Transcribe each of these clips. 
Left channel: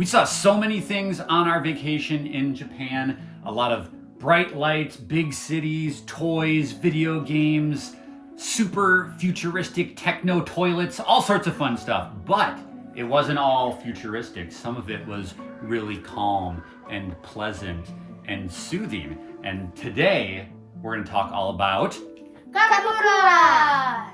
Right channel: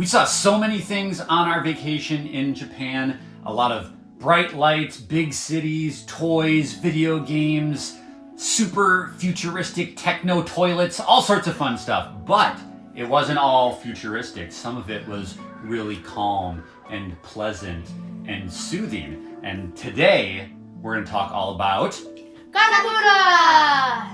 We saw so many things on our vacation in Japan. A lot of bright lights, big cities, toys, video games, super futuristic techno toilets, all sorts of fun stuff. But it wasn't all futuristic. Some of it was really calm and pleasant and soothing. And today we're going to talk all about Kamakura!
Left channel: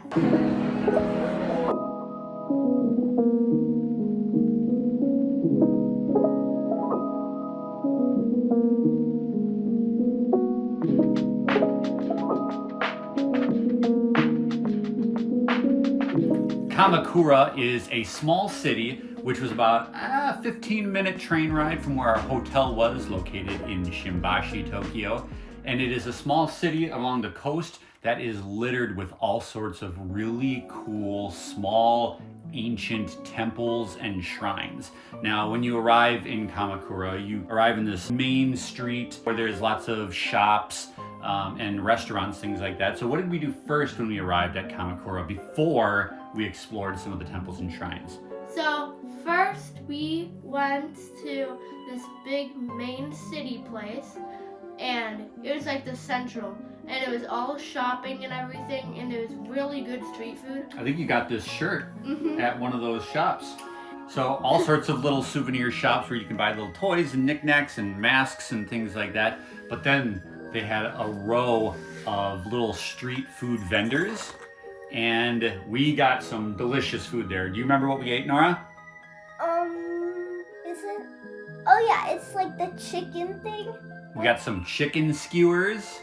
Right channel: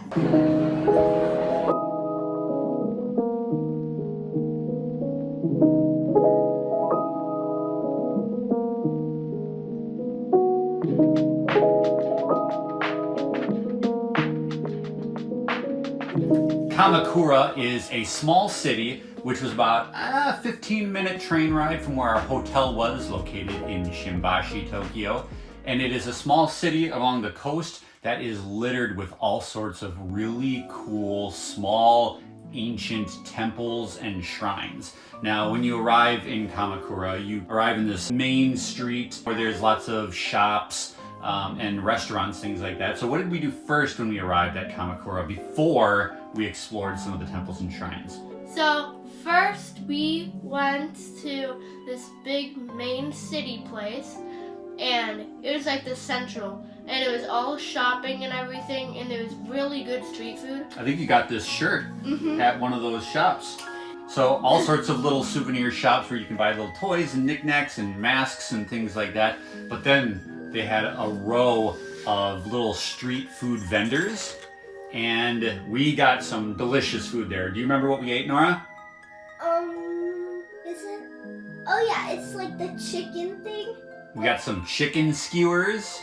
Kamakura is a small city which was about a 15-minute train ride from where our hotel was, located in Shimbashi, Tokyo. And it is a small city along the coast that is littered with all sorts of really cool, small, ancient temples and shrines. Now, when you arrive in Kamakura, you arrive in this main street where there's lots of shops and restaurants, things like that. So what did we do first when we arrived at Kamakura before we explored some of the temples and shrines? So first we went to this big main city place, and it was like the central, and it was all shopping and everything, and there was really good street food. I think you got this shirt at one of those shops. So all sorts of little souvenir shops where you can buy little toys and knickknacks and masks and things like that. But then they had a row of little street food vendors, and we got some delicious food there. Do you remember what we ate, Nora? Is it? Oh yeah, it's like the chicken thing. We got some chicken skewers.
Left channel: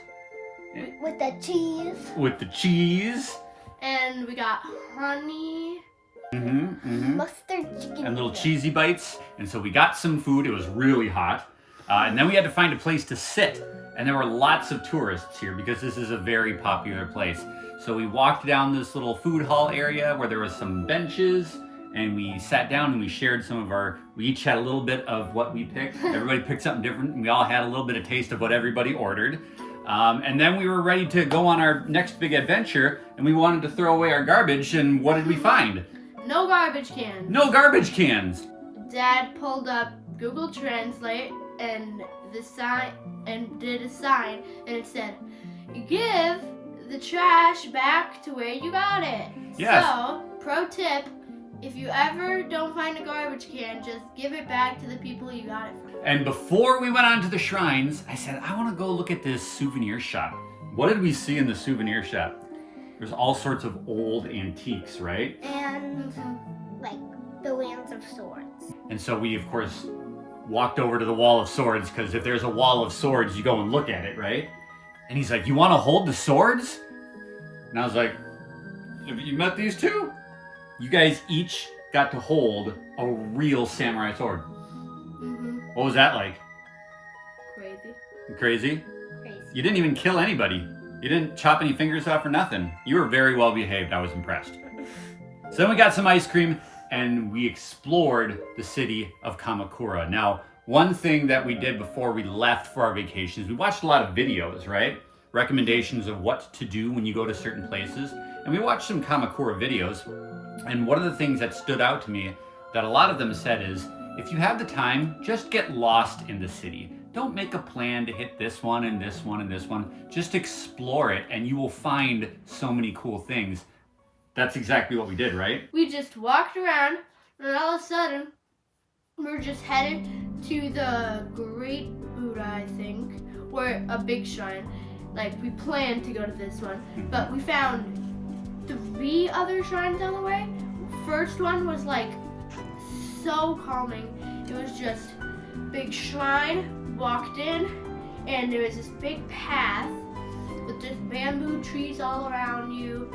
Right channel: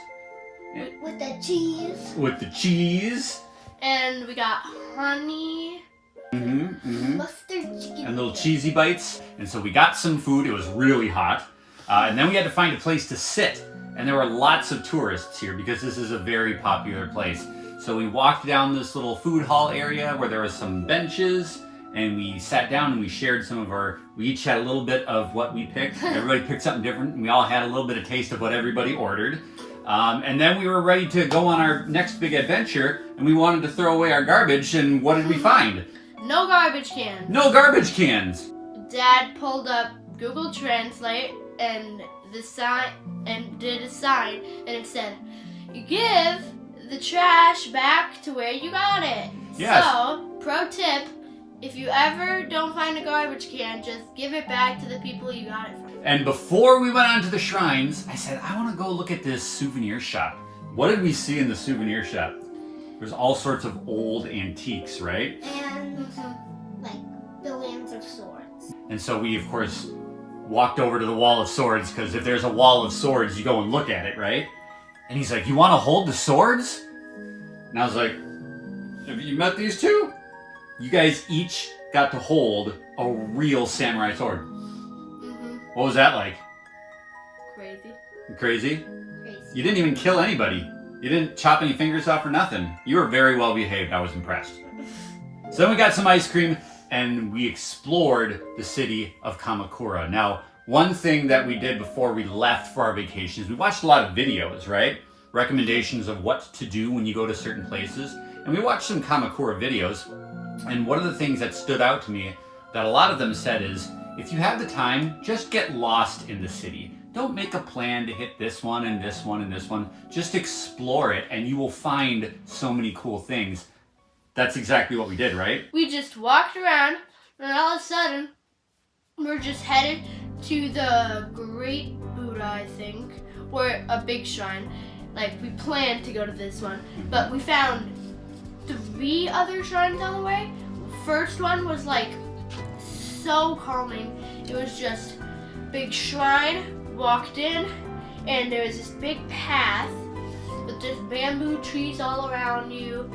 With the cheese. With the cheese. And we got honey. Mustard chicken. And little cheesy bites. And so we got some food. It was really hot. And then we had to find a place to sit. And there were lots of tourists here because this is a very popular place. So we walked down this little food hall area where there was some benches, and we sat down and we shared some of we each had a little bit of what we picked. Everybody picked something different, and we all had a little bit of taste of what everybody ordered. And then we were ready to go on our next big adventure, and we wanted to throw away our garbage, and what did we find? No garbage cans. No garbage cans! Dad pulled up Google Translate and did a sign, and it said, "You give the trash back to where you got it." Yes. So, pro tip, if you ever don't find a garbage can, just give it back to the people you got it from. And before we went on to the shrines, I said, I want to go look at this souvenir shop. What did we see in the souvenir shop? There's all sorts of old antiques, right? And like billions of swords. And so we, of course, walked over to the wall of swords, because if there's a wall of swords, you go and look at it, right? And he's like, "You want to hold the swords?" And I was like, "Have you met these two? You guys each got to hold a real samurai sword." What was that like? Crazy. Crazy? Crazy. You didn't even kill anybody. You didn't chop any fingers off or nothing. You were very well behaved. I was impressed. So then we got some ice cream, and we explored the city of Kamakura. Now, one thing that we did before we left for our vacations, we watched a lot of videos, right? Recommendations of what to do when you go to certain places. And we watched some Kamakura videos. And one of the things that stood out to me that a lot of them said is, if you have the time, just get lost in the city. Don't make a plan to hit this one and this one and this one. Just explore it, and you will find so many cool things. That's exactly what we did, right? We just walked around, and all of a sudden, we're just headed to the Great Buddha, I think, or a big shrine. Like, we planned to go to this one, but we found 3 other shrines on the way. First one was like so calming. It was just big shrine, walked in, and there was this big path with just bamboo trees all around you.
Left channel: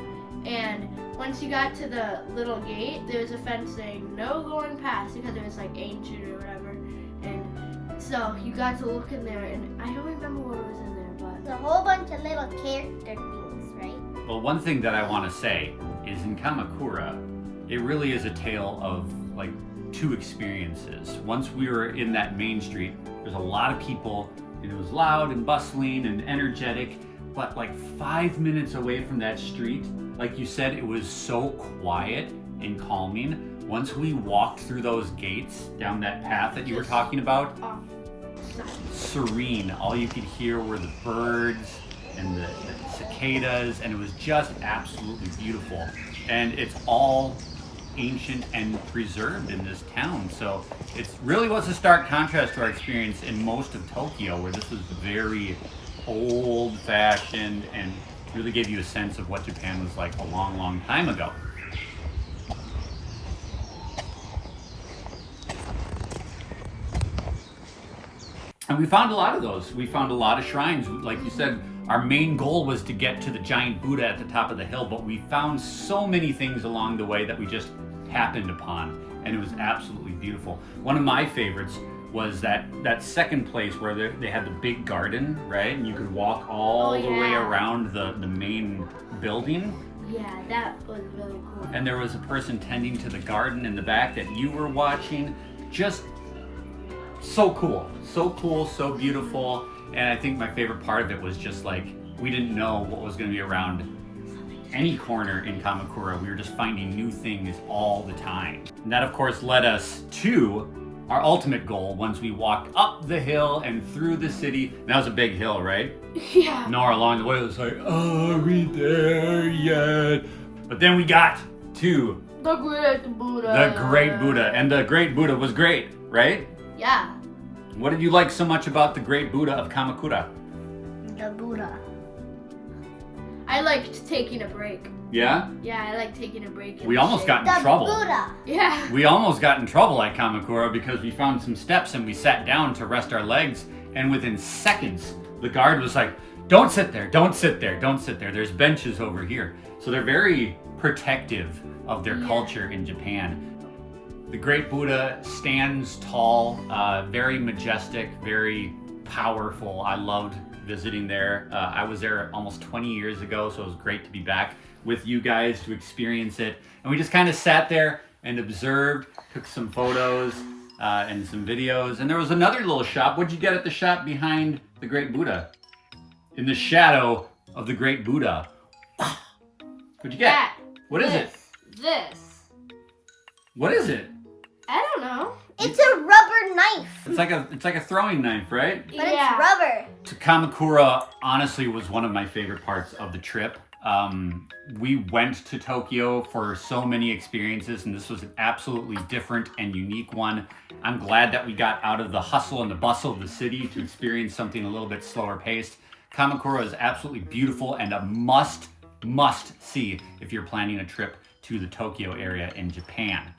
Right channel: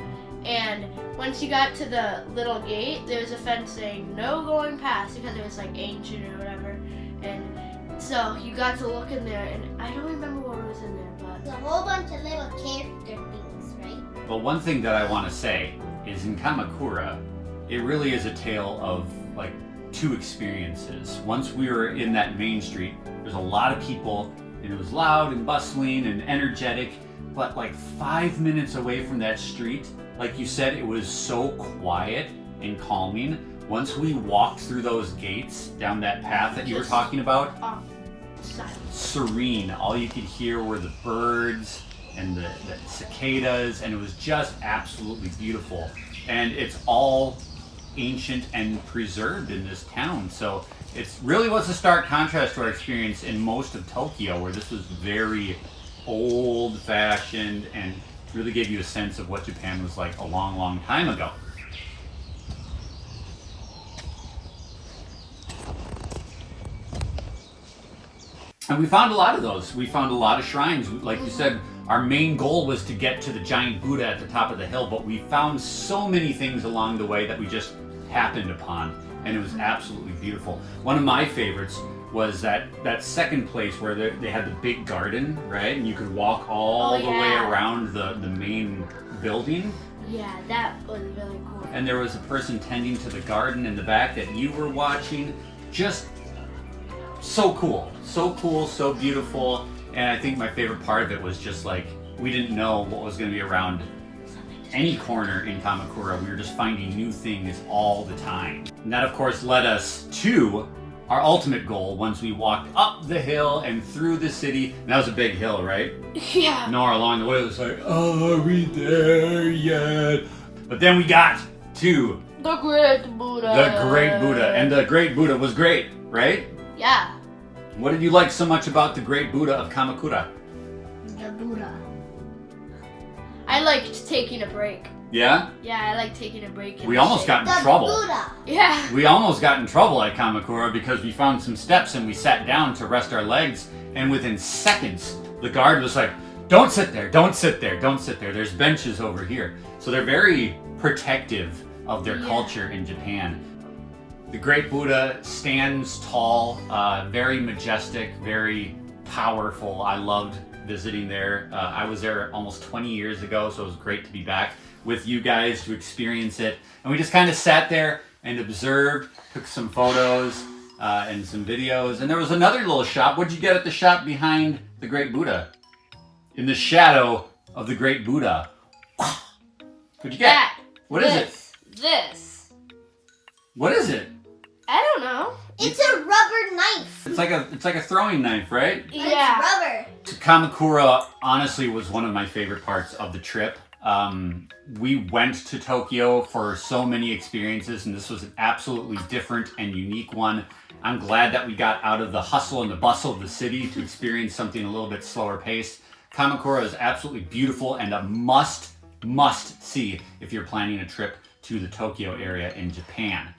And once you got to the little gate, there was a fence saying no going past because it was like ancient or whatever. And so you got to look in there, and I don't remember what was in there, but There's a whole bunch of little character things, right? Well, one thing that I want to say is in Kamakura, it really is a tale of like 2 experiences. Once we were in that main street, there's a lot of people, and it was loud and bustling and energetic, but like 5 minutes away from that street, like you said, it was so quiet and calming. once we walked through those gates down that path that you were talking about, serene. All you could hear were the birds and the cicadas, and it was just absolutely beautiful. And it's all ancient and preserved in this town, so it really was a stark contrast to our experience in most of Tokyo, where this was very old-fashioned and really gave you a sense of what Japan was like a long, long time ago. And we found a lot of those. We found a lot of shrines. Like you said, our main goal was to get to the giant Buddha at the top of the hill, but we found so many things along the way that we just happened upon, and it was absolutely beautiful. One of my favorites was that second place where they had the big garden, right? And you could walk all the way around the main building. Yeah, that was really cool. And there was a person tending to the garden in the back that you were watching. Just so cool, so beautiful. And I think my favorite part of it was just like, we didn't know what was going to be around any corner in Kamakura. We were just finding new things all the time. And that of course led us to our ultimate goal once we walked up the hill and through the city. And that was a big hill, right? Yeah. Nora along the way was like, are we there yet? But then we got to the Great Buddha. The Great Buddha. And the Great Buddha was great, right? Yeah. What did you like so much about the Great Buddha of Kamakura? The Buddha. I liked taking a break. Yeah? Yeah, I like taking a break. We almost got in The trouble. Buddha. Yeah. We almost got in trouble at Kamakura because we found some steps and we sat down to rest our legs, and within seconds, the guard was like, don't sit there, don't sit there, don't sit there. There's benches over here. So they're very protective of their culture in Japan. The Great Buddha stands tall, very majestic, very powerful. I loved visiting there. I was there almost 20 years ago, so it was great to be back with you guys to experience it. And we just kind of sat there and observed, took some photos and some videos. And there was another little shop. What'd you get at the shop behind the Great Buddha? In the shadow of the Great Buddha. What'd you get? That, What is it? This. What is it? I don't know. It's a rubber knife. It's like a throwing knife, right? But it's rubber. So Kamakura honestly was one of my favorite parts of the trip. We went to Tokyo for so many experiences, and this was an absolutely different and unique one. I'm glad that we got out of the hustle and the bustle of the city to experience something a little bit slower paced. Kamakura is absolutely beautiful and a must see if you're planning a trip to the Tokyo area in Japan.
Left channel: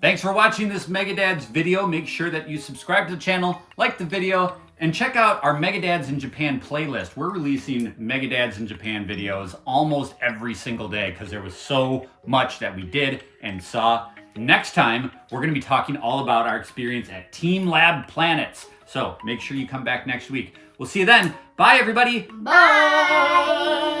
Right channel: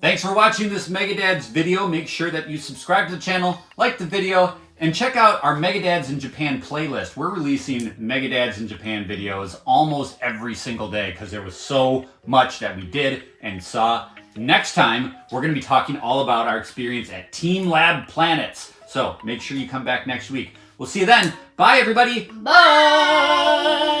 Thanks for watching this Megadads video. Make sure that you subscribe to the channel, like the video, and check out our Megadads in Japan playlist. We're releasing Megadads in Japan videos almost every single day because there was so much that we did and saw. Next time, we're going to be talking all about our experience at Team Lab Planets. So make sure you come back next week. We'll see you then. Bye, everybody. Bye.